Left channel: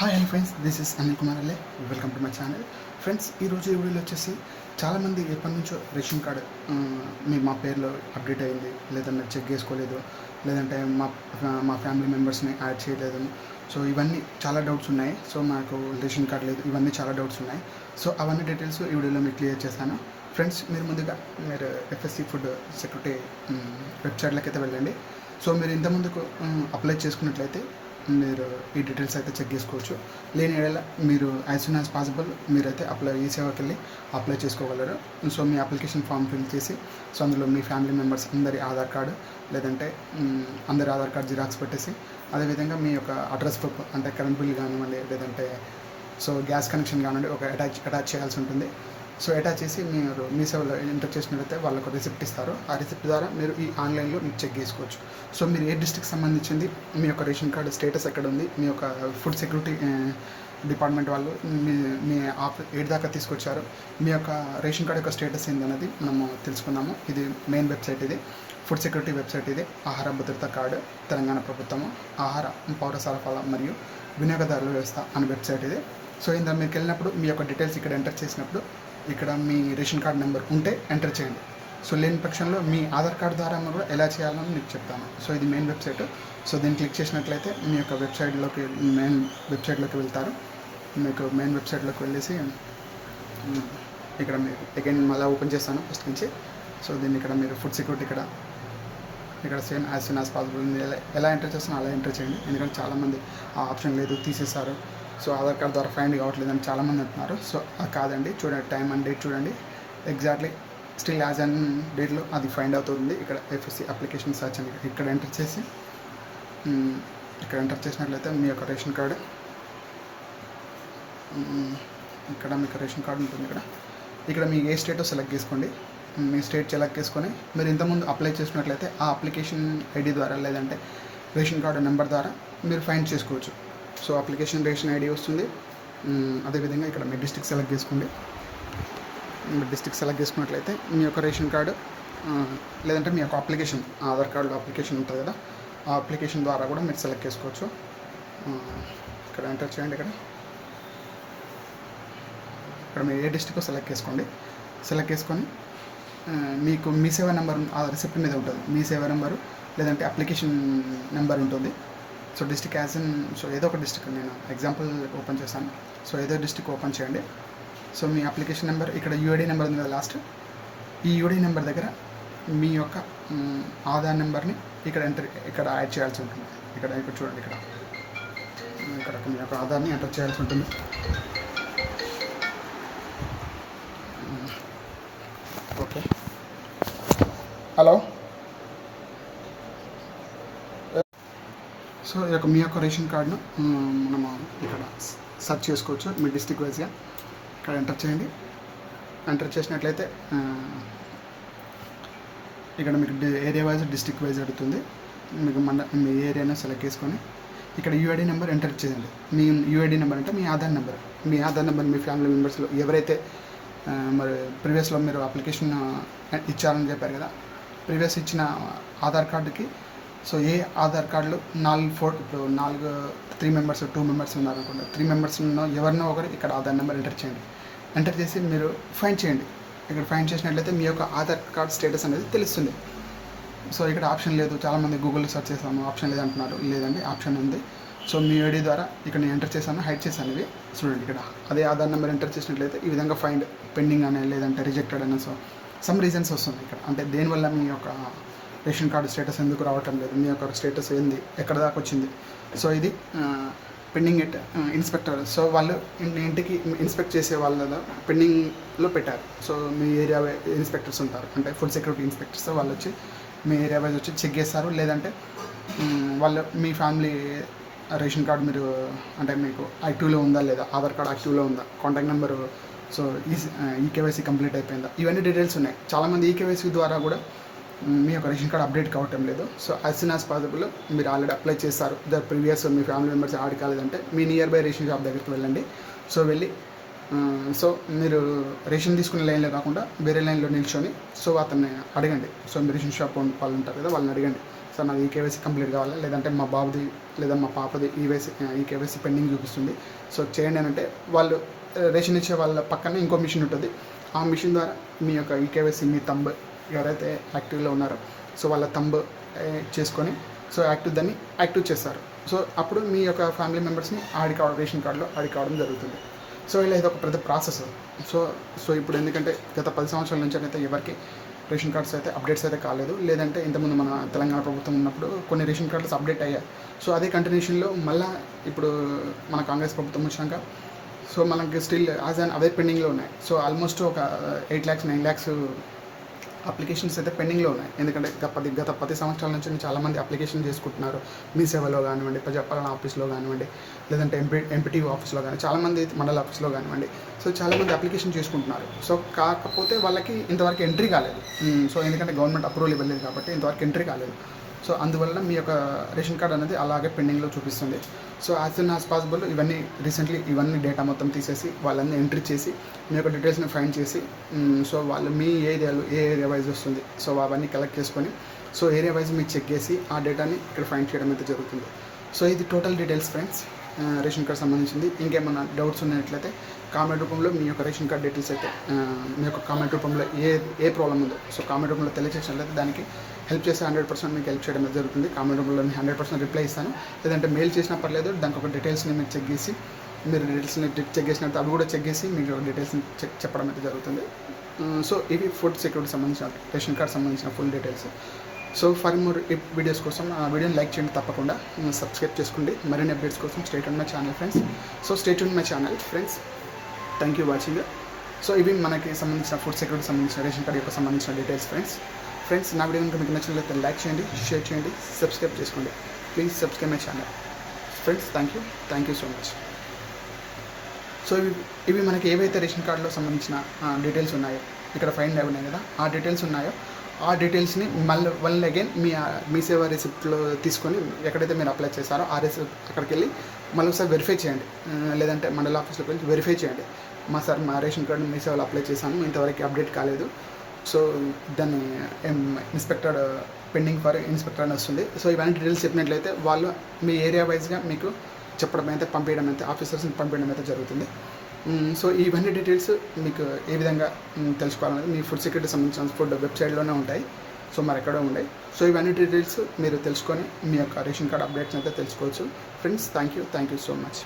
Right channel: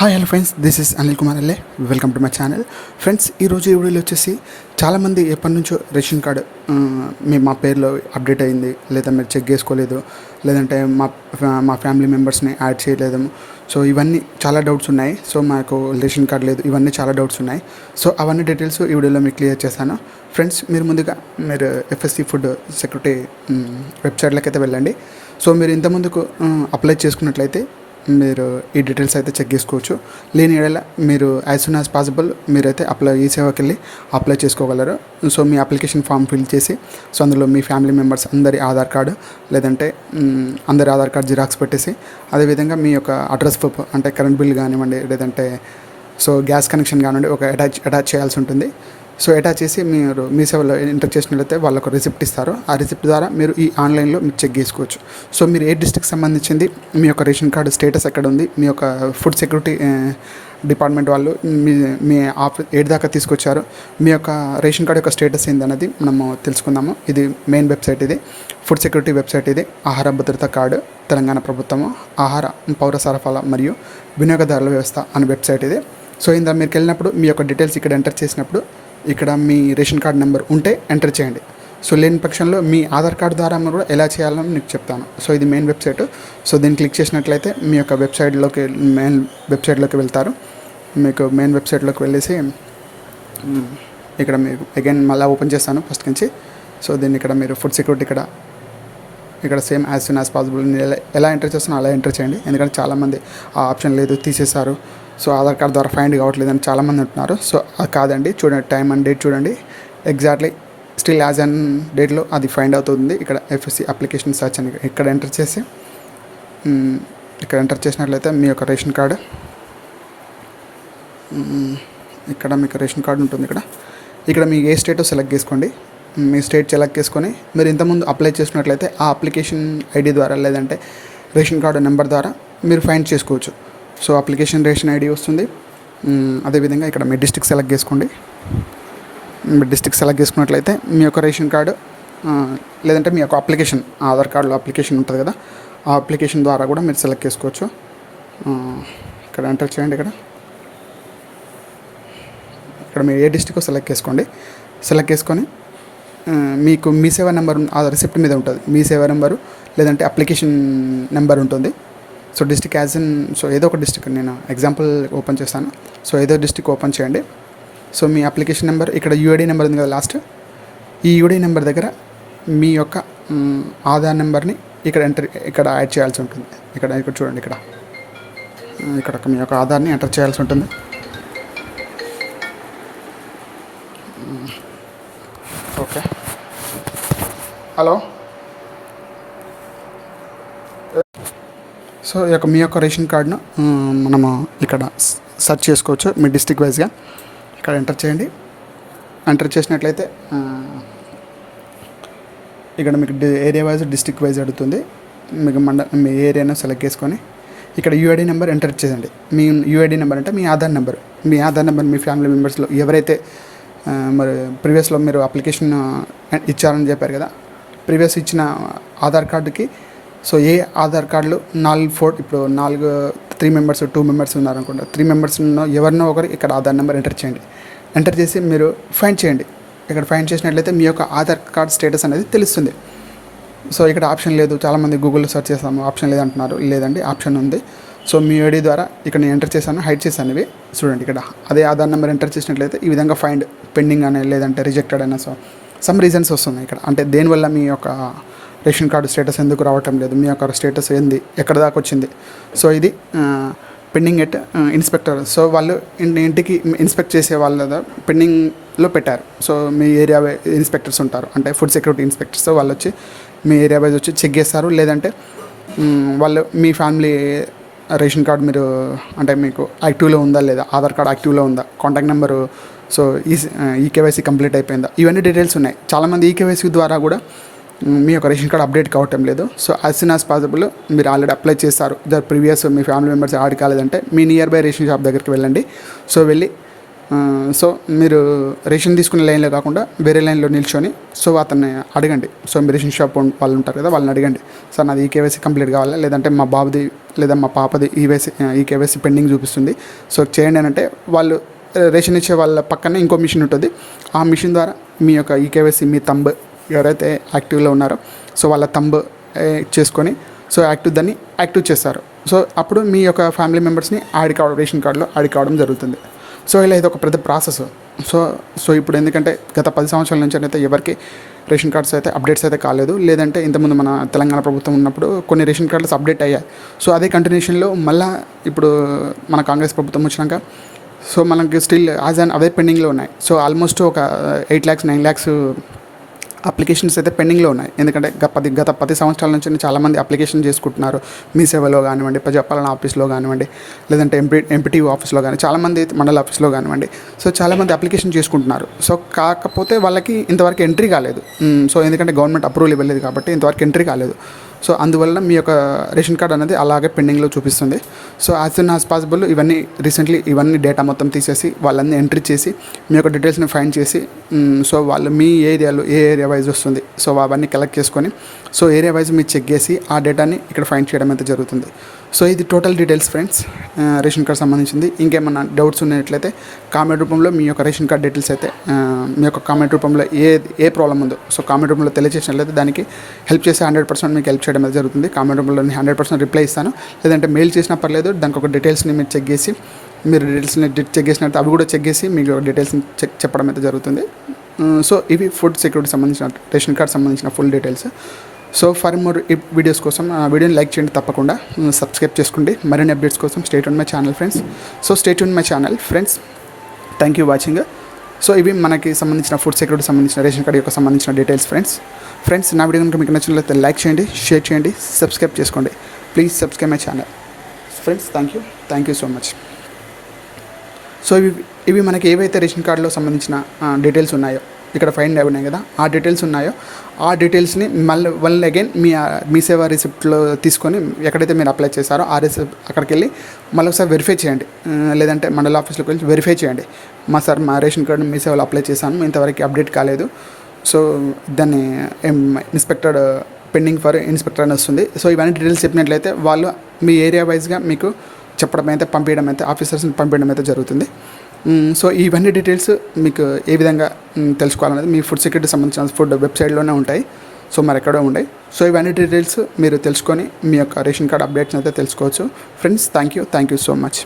Hi hello friends, this is Anil Kumar LA. Welcome to my channel. Friends, ఈరోజు ఈ వీడియోలో వచ్చేసి చాలామంది ఎప్పటి నుంచో రేషన్ కార్డు మా పేరులో అప్డేట్ అయింది, లేదా మీరు చెక్ చేసుకోలేదు, లేదంటే మా ఫ్యామిలీ మెంబర్స్ని యాడ్ చేయలేదు. సో ఇవన్నీ చాలా డౌట్స్ ఉన్నాయి. సో మాకు రేషన్ కార్డు లేదు, ఇవన్నీ చాలా డౌట్స్ ఉన్నాయి. సో అవన్నీ డీటెయిల్స్ ఈ వీడియోలో మీకు క్లియర్ చేశాను. ఫ్రెండ్స్, మీరు ఎఫ్ఎస్సి ఫుడ్ సెక్యూరిటీ వెబ్సైట్లోకి అయితే వెళ్ళండి. సో మీరు ఇంతకుముందుకు అప్లై చేసుకున్నట్లయితే మీరు ఈ డీటెయిల్స్ అయితే చెక్ చేసుకోవచ్చు. లేని ఏడల మీరు యాజ్ సూన్ యాజ్ పాసిబుల్ మీరైతే ఈ సేవకి వెళ్ళి అప్లై చేసుకోగలరు. సో మీ అప్లికేషన్ ఫామ్ ఫిల్ చేసి, సో అందులో మీ ఫ్యామిలీ మెంబర్స్ అందరి ఆధార్ కార్డు, లేదంటే అందరి ఆధార్ కార్డు జిరాక్స్ పెట్టేసి, అదేవిధంగా మీ యొక్క అడ్రస్ ప్రూఫ్ అంటే కరెంట్ బిల్ కానివ్వండి, లేదంటే సో గ్యాస్ కనెక్షన్ కానివ్వండి, ఒక అటాచ్ చేయాల్సి ఉంటుంది. సో అటాచ్ చేసి మీరు మీ సేవలో ఎంటర్ చేసినట్లయితే వాళ్ళకు రిసిప్ట్ ఇస్తారు. ఆ రిసిప్ట్ ద్వారా మీరు ఈ ఆన్లైన్లో మీరు చెక్ చేసుకోవచ్చు. సో మీరు ఏ డిస్ట్రిక్ట్ సంబంధించింది, మీ యొక్క రేషన్ కార్డు స్టేటస్ ఎక్కడ ఉంది, మీ యొక్క ఫుడ్ సెక్యూరిటీ డిపార్ట్మెంట్ వాళ్ళు మీ ఏడు దాకా తీసుకొచ్చారు, మీ యొక్క రేషన్ కార్డు యొక్క స్టేటస్ ఏందన్నది మనము తెలుసుకుందాము. ఇది మెయిన్ వెబ్సైట్, ఇది ఫుడ్ సెక్యూరిటీ వెబ్సైట్. ఇది ఆహార భద్రత కార్డు, తెలంగాణ ప్రభుత్వము ఆహార పౌర సరఫరా మరియు వినియోగదారుల వ్యవస్థ అనే వెబ్సైట్ ఇది. సో ఇందా మీరు వెళ్ళినప్పుడు మీ యొక్క డీటెయిల్స్ ఇక్కడ ఎంటర్ చేసినప్పుడు ఇక్కడ మీ రేషన్ కార్డ్ నెంబర్ ఉంటే ఎంటర్ చేయండి. సో లేని పక్షంలో మీ ఆధార్ కార్డు ద్వారా కూడా ఎలా చేయాలని మీకు చెప్తాను. సో ఇది మెయిన్ వెబ్సైట్. సో దీన్ని క్లిక్ చేసినట్లయితే మీ యొక్క మెయిన్ వెబ్సైట్లోకి వెళ్తారు. మీకు మెయిన్ వెబ్సైట్లోకి వెళ్ళేసి ఇక్కడ మీరు అగైన్ మళ్ళీ ఓపెన్ చేస్తాను ఫస్ట్ నుంచి. సో దీన్ని ఇక్కడ మీరు ఫుడ్ సెక్యూరిటీ ఇక్కడ same as soon as possible ఎలా ఎంటర్ చేస్తానో అలా ఎంటర్ చేయండి. ఎందుకంటే చాలామంది ఆ ఆప్షన్ లేదు, తీసేశారు. సో ఆధార్ కార్డు ద్వారా ఫైండ్ కావట్లేదు అని చాలామంది అంటున్నారు. సో అది కాదండి, చూడండి టైం అండ్ డేట్ చూడండి. ఎగ్జాక్ట్లీ స్టిల్ యాజ్ అండ్ డేట్లో అది ఫైండ్ అవుతుంది. ఇక్కడ ఎఫ్ఎస్సి అప్లికేషన్ సర్చ్ అని ఇక్కడ ఎంటర్ చేసినట్లయితే మీ యొక్క రేషన్ కార్డు, ఇక్కడ మీకు రేషన్ కార్డు ఉంటుంది. ఇక్కడ మీ ఏ స్టేటో సెలెక్ట్ చేసుకోండి. మీ స్టేట్ సెలెక్ట్ చేసుకొని మీరు ఇంతకుముందు అప్లై చేసినట్లయితే ఆ అప్లికేషన్ ఐడి ద్వారా, లేదంటే రేషన్ కార్డు నెంబర్ ద్వారా మీరు ఫైండ్ చేసుకోవచ్చు. సో అప్లికేషన్ రేషన్ ఐడి వస్తుంది. అదేవిధంగా ఇక్కడ మీ డిస్ట్రిక్ట్ సెలెక్ట్ చేసుకోండి. మీ డిస్ట్రిక్ట్ సెలెక్ట్ చేసుకున్నట్లయితే మీ యొక్క రేషన్ కార్డు, లేదంటే మీ యొక్క అప్లికేషన్ ఆధార్ కార్డులో అప్లికేషన్ ఉంటుంది కదా, ఆ అప్లికేషన్ ద్వారా కూడా మీరు సెలెక్ట్ చేసుకోవచ్చు. ఇక్కడ ఎంటర్ చేయండి. ఇక్కడ మీరు ఏ డిస్ట్రిక్ట్ సెలెక్ట్ చేసుకోండి. సెలెక్ట్ చేసుకొని మీకు మీ సేవా నెంబర్ ఆ రిసిప్ట్ మీద ఉంటుంది. మీ సేవా నెంబరు లేదంటే అప్లికేషన్ నెంబర్ ఉంటుంది. సో డిస్ట్రిక్ట్ సో ఏదో ఒక డిస్ట్రిక్ట్ నేను ఎగ్జాంపుల్ ఓపెన్ చేస్తాను. సో ఏదో డిస్ట్రిక్ట్ ఓపెన్ చేయండి. సో మీ అప్లికేషన్ నెంబర్, ఇక్కడ యూఐడి నెంబర్ ఉంది కదా లాస్ట్, ఈ యూఐడి నెంబర్ దగ్గర మీ యొక్క ఆధార్ నెంబర్ని ఇక్కడ యాడ్ చేయాల్సి ఉంటుంది. ఇక్కడ చూడండి, ఇక్కడ మీ యొక్క ఆధార్ని ఎంటర్ చేయాల్సి ఉంటుంది. Okay, hello. సో మీ యొక్క రేషన్ కార్డును మనము ఇక్కడ సెర్చ్ చేసుకోవచ్చు మీ డిస్ట్రిక్ట్ వైజ్గా. ఇక్కడ ఎంటర్ చేయండి. ఎంటర్ చేసినట్లయితే ఇక్కడ మీకు ఏరియా వైజ్, డిస్ట్రిక్ట్ వైజ్ అడుగుతుంది. మీకు మీ ఏరియాను సెలెక్ట్ చేసుకొని ఇక్కడ యూఐడి నెంబర్ ఎంటర్ చేయండి. మీ యూఐడి నెంబర్ అంటే మీ ఆధార్ నెంబర్. మీ ఫ్యామిలీ మెంబర్స్లో ఎవరైతే మరి ప్రీవియస్లో మీరు అప్లికేషన్ ఇచ్చారని చెప్పారు కదా, ప్రీవియస్ ఇచ్చిన ఆధార్ కార్డుకి, సో ఏ ఆధార్ కార్డులు ఇప్పుడు 3 మెంబర్స్ 2 మెంబర్స్ ఉన్నారనుకుంటా, 3 మెంబర్స్ ఎవరినో ఒకరు ఇక్కడ ఆధార్ నెంబర్ ఎంటర్ చేయండి. ఎంటర్ చేసి మీరు ఫైండ్ చేయండి. ఇక్కడ ఫైండ్ చేసినట్లయితే మీ యొక్క ఆధార్ కార్డ్ స్టేటస్ అనేది తెలుస్తుంది. సో ఇక్కడ ఆప్షన్ లేదు, చాలామంది గూగుల్లో సెర్చ్ చేస్తాము, ఆప్షన్ లేదంటున్నారు. లేదండి, ఆప్షన్ ఉంది. సో మీ ఐడి ద్వారా ఇక్కడ నేను ఎంటర్ చేశాను, హైడ్ చేశాను. ఇవి చూడండి, ఇక్కడ అదే ఆధార్ నెంబర్ ఎంటర్ చేసినట్లయితే ఈ విధంగా ఫైండ్ పెండింగ్ అని, లేదంటే రిజెక్టెడ్ అని, సో సమ్ రీజన్స్ వస్తున్నాయి ఇక్కడ. అంటే దేనివల్ల మీ యొక్క రేషన్ కార్డు స్టేటస్ ఎందుకు రావటం లేదు, మీ యొక్క స్టేటస్ ఏంది, ఎక్కడ దాకా వచ్చింది. సో ఇది పెండింగ్ ఎట్ ఇన్స్పెక్టర్. సో వాళ్ళు ఇంటికి ఇన్స్పెక్ట్ చేసే వాళ్ళ పెండింగ్లో పెట్టారు. సో మీ ఏరియా ఇన్స్పెక్టర్స్ ఉంటారు, అంటే ఫుడ్ సెక్యూరిటీ ఇన్స్పెక్టర్స్. వాళ్ళు వచ్చి మీ ఏరియా వైజ్ వచ్చి చెక్ చేస్తారు. లేదంటే వాళ్ళు మీ ఫ్యామిలీ రేషన్ కార్డు మీరు అంటే మీకు యాక్టివ్లో ఉందా లేదా, ఆధార్ కార్డు యాక్టివ్లో ఉందా, contact number, so eKYC complete అయిపోయిందా, ఇవన్నీ డీటెయిల్స్ ఉన్నాయి. చాలామంది ఈకేవైసీ ద్వారా కూడా మీ యొక్క రేషన్ కార్డు అప్డేట్ కావటం లేదు. So as soon as possible మీరు ఆల్రెడీ అప్లై చేస్తారు, ప్రీవియస్ మీ ఫ్యామిలీ మెంబర్స్ యాడ్ కాలేదంటే మీ నియర్ బై రేషన్ షాప్ దగ్గరికి వెళ్ళండి. సో వెళ్ళి సో మీరు రేషన్ తీసుకునే లైన్లో కాకుండా వేరే లైన్లో నిల్చొని సో అతన్ని అడగండి. సో మీ రేషన్ షాప్ వాళ్ళు ఉంటారు కదా, వాళ్ళని అడగండి, సార్ నాది ఈకేవైసీ కంప్లీట్ కావాలా, లేదంటే మా బాబుది లేదా మా పాపది ఈకేవైసీ పెండింగ్ చూపిస్తుంది, సో చేయండి అని అంటే వాళ్ళు రేషన్ ఇచ్చే వాళ్ళ పక్కనే ఇంకో మిషన్ ఉంటుంది. ఆ మిషన్ ద్వారా మీ యొక్క ఈకేవైసీ మీ తంబ్ ఎవరైతే యాక్టివ్లో ఉన్నారో సో వాళ్ళ తంబ్ చేసుకొని సో దాన్ని యాక్టివ్ చేస్తారు. సో అప్పుడు మీ యొక్క ఫ్యామిలీ మెంబర్స్ని రేషన్ కార్డులో యాడ్ కావడం జరుగుతుంది. సో ఇలా ఇది ఒక పెద్ద ప్రాసెస్. సో ఇప్పుడు ఎందుకంటే గత 10 సంవత్సరాల నుంచి అయితే ఎవరికి రేషన్ కార్డ్స్ అయితే అప్డేట్స్ అయితే కాలేదు. లేదంటే ఇంతకుముందు మన తెలంగాణ ప్రభుత్వం ఉన్నప్పుడు కొన్ని రేషన్ కార్డ్స్ అప్డేట్ అయ్యాయి. సో అదే కంటిన్యూషన్లో మళ్ళీ ఇప్పుడు మన కాంగ్రెస్ ప్రభుత్వం వచ్చినాక సో మనకి స్టిల్ అదే పెండింగ్లో ఉన్నాయి. సో ఆల్మోస్ట్ ఒక 8 lakhs 9 lakhs అప్లికేషన్స్ అయితే పెండింగ్లో ఉన్నాయి. ఎందుకంటే గత 10 సంవత్సరాల నుంచి చాలామంది అప్లికేషన్ చేసుకుంటున్నారు. మీ సేవలో కానివ్వండి, ప్రజాపాలన ఆఫీస్లో కానివ్వండి, లేదంటే ఎంపీటీవీ ఆఫీస్లో కానీ, చాలామంది మండల ఆఫీస్లో కానివ్వండి, సో చాలామంది అప్లికేషన్ చేసుకుంటున్నారు. సో కాకపోతే వాళ్ళకి ఇంతవరకు ఎంట్రీ కాలేదు. సో ఎందుకంటే గవర్నమెంట్ అప్రూవల్ ఇవ్వలేదు కాబట్టి ఇంతవరకు ఎంట్రీ కాలేదు. సో అందువల్ల మీ యొక్క రేషన్ కార్డ్ అనేది అలాగే పెండింగ్లో చూపిస్తుంది. So as soon as possible ఇవన్నీ డేటా మొత్తం తీసేసి వాళ్ళని ఎంట్రీ చేసి మీ యొక్క డీటెయిల్స్ని ఫైండ్ చేసి సో వాళ్ళు మీ ఏరియాలో ఏ ఏరియా వైజ్ వస్తుంది సో అవన్నీ కలెక్ట్ చేసుకొని సో ఏరియా వైజ్ మీరు చెక్ చేసి ఆ డేటాని ఇక్కడ ఫైండ్ చేయడం అయితే జరుగుతుంది. సో ఇది total details friends ration card సంబంధించింది. ఇంకేమన్నా డౌట్స్ ఉన్నట్లయితే కామెంట్ రూపంలో మీ యొక్క రేషన్ కార్డ్ డీటెయిల్స్ అయితే మీ యొక్క కామెంట్ రూపంలో ఏ ప్రాబ్లం ఉందో సో కామెంట్ రూపంలో తెలియజేసినట్లయితే దానికి హెల్ప్ చేసి 100% మీకు హెల్ప్ చేయడం అయితే జరుగుతుంది. కామెంట్ రూపంలో నేను 100% రిప్లై ఇస్తాను. లేదంటే మెయిల్ చేసినా పర్లేదు, దానికి ఒక డీటెయిల్స్ని మీరు చెక్ చేసి చెక్ చేసినట్టు అవి కూడా చెక్ చేసి మీకు డీటెయిల్స్ని చెప్పడం అయితే జరుగుతుంది. సో ఇవి ఫుడ్ సెక్యూరిటీ సంబంధించిన రేషన్ కార్డ్ సంబంధించిన full details. So for more videos కోసం వీడియోని లైక్ చేయండి, తప్పకుండా సబ్స్క్రైబ్ చేసుకోండి. మరిన్ని అప్డేట్స్ కోసం stay tune my channel friends. So stay tune my channel friends. Thank you watching. So ఇవి మనకి సంబంధించిన ఫుడ్ సెక్యూరిటీ సంబంధించిన రేషన్ కార్డ్ యొక్క సంబంధించిన డీటెయిల్స్ ఫ్రెండ్స్. నా వీడియో కనుక మీకు నచ్చినట్లయితే లైక్ చేయండి, షేర్ చేయండి, సబ్స్క్రైబ్ చేసుకోండి. Please subscribe my channel friends. Thank you so much. So ఇవి మనకి ఏవైతే రేషన్ కార్డులో సంబంధించిన డీటెయిల్స్ ఉన్నాయో ఇక్కడ ఫైండ్ ఉన్నాయి కదా, ఆ డీటెయిల్స్ ఉన్నాయో ఆ డీటెయిల్స్ని మళ్ళీ అగైన్ మీ సేవా రిసిప్ట్లో తీసుకొని ఎక్కడైతే మీరు అప్లై చేశారో ఆ రిసిప్ట్ అక్కడికి వెళ్ళి మళ్ళీ ఒకసారి వెరిఫై చేయండి. లేదంటే మండల ఆఫీస్లోకి వెళ్ళి వెరిఫై చేయండి. మా రేషన్ కార్డు మీ సేవలో అప్లై చేశాను, ఇంతవరకు అప్డేట్ కాలేదు, సో దాన్ని ఇన్స్పెక్టర్ పెండింగ్ ఫర్ ఇన్స్పెక్టర్ అని వస్తుంది. సో ఇవన్నీ డీటెయిల్స్ చెప్పినట్లయితే వాళ్ళు మీ ఏరియా వైజ్గా మీకు పంపించడం అయితే ఆఫీసర్స్ని పంపించడం అయితే జరుగుతుంది. సో ఇవన్నీ డీటెయిల్స్ మీకు ఏ విధంగా తెలుసుకోవాలనేది మీ ఫుడ్ సెక్యూరిటీ సంబంధించిన ఫుడ్ వెబ్సైట్లోనే ఉంటాయి. సో మరి ఎక్కడో ఉంటాయి. సో ఇవన్నీ డీటెయిల్స్ మీరు తెలుసుకొని మీ యొక్క రేషన్ కార్డ్ అప్డేట్స్ అయితే తెలుసుకోవచ్చు friends. Thank you so much.